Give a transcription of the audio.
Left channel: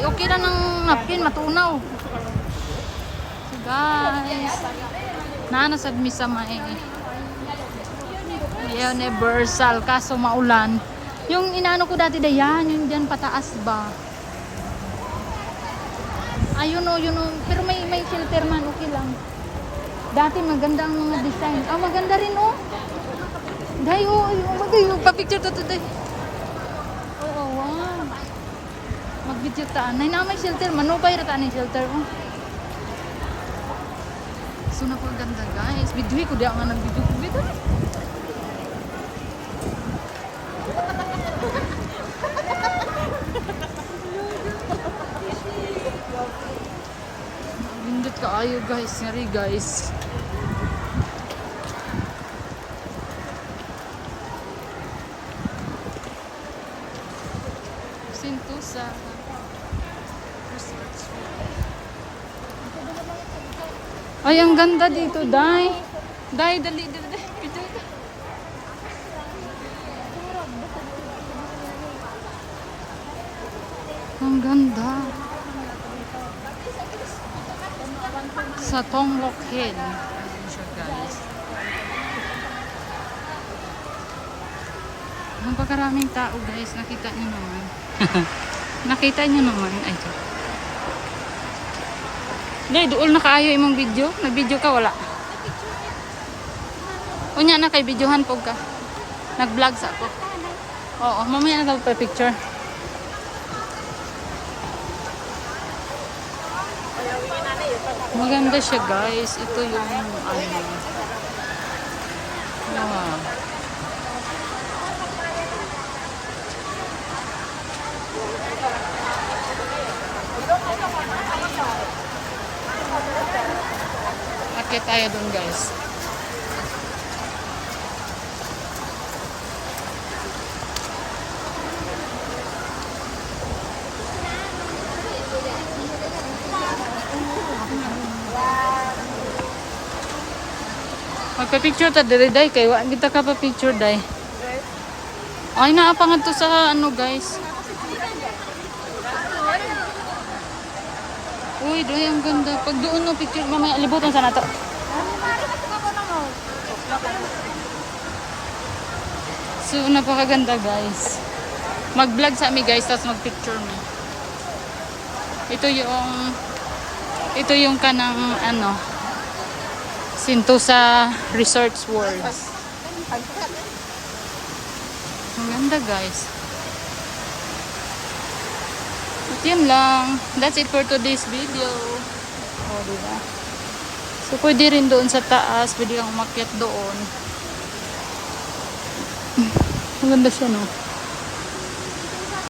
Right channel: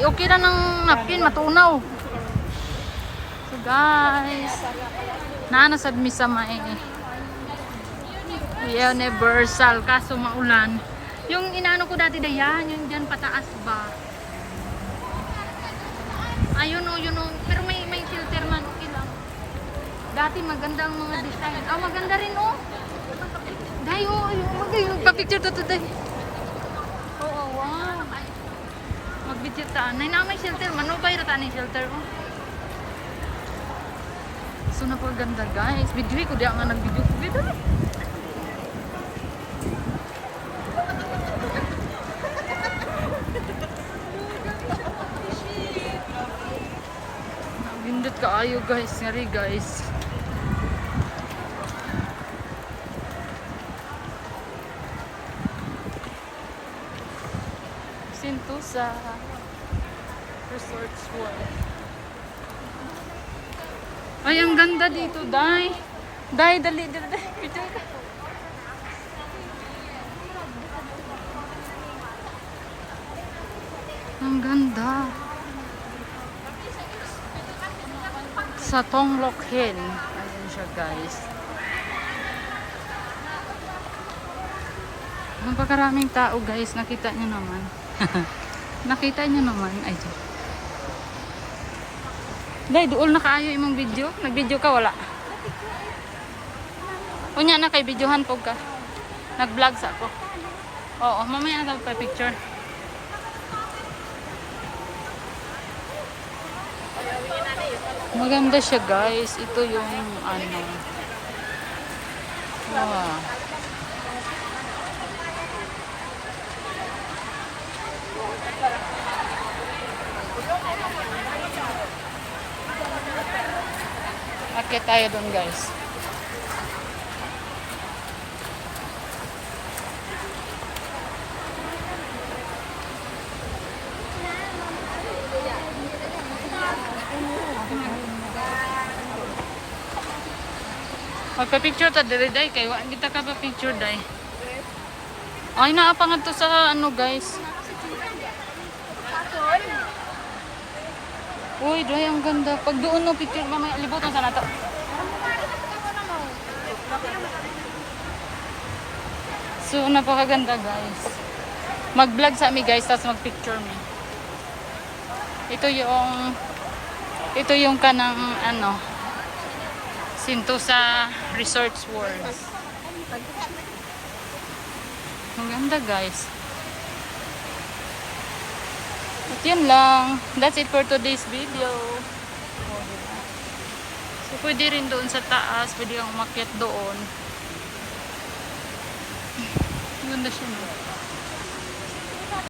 Okay na ng napkin, matunaw. So guys, nanasad mi sa may Universal, kaso maulan. Yung inaano ko dati dayan, yung diyan pataas ba? Ayun o, yun o. Pero may, may filter man, okay lang. Dati maganda ang mga design. Ah, maganda rin o. Dahil o, okay, papicture to today. Oo, wow. Mag-video taan. Nay na may shelter, manubay ra taan yung shelter oh. So na po ganda guys. Video ko di nga nag-video ko dito. Nagindot ka ayo guys. Sorry guys. Sentosa Resorts World. Ay, ang ganda dito, Day. Day, dali, dali, dali. Ang ganda. Sa Tonglok Hill. Ayun siya, guys. Napakaraming tao, guys. Nakita niyo naman. Nakita niyo naman. Ay. Day, dool na kaayo imong video. Nag-video ka, wala. Unya na kay videohan po ka. Nag-vlog sa ako. Oo, mamaya na pa picture. Maganda siya guys. Ito yung ano. Wow. Akit tayo doon guys. Magpa-picture ta diri day kay wa kita ka pa picture day. Ay naa pa nga to sa ano guys. Uy, day ang ganda. Pag doon no picture mamaya libutan sa nato. So napakaganda guys. Mag-vlog sa mi guys tapos mag-picture mi. Ito yung ito yung kanang ano Sentosa Resorts World. Ang ganda guys. Yun lang. That's it for today's video. O, oh, diba? So, pwede rin doon sa taas. Pwede kang umakyat doon. Ang ganda siya, no?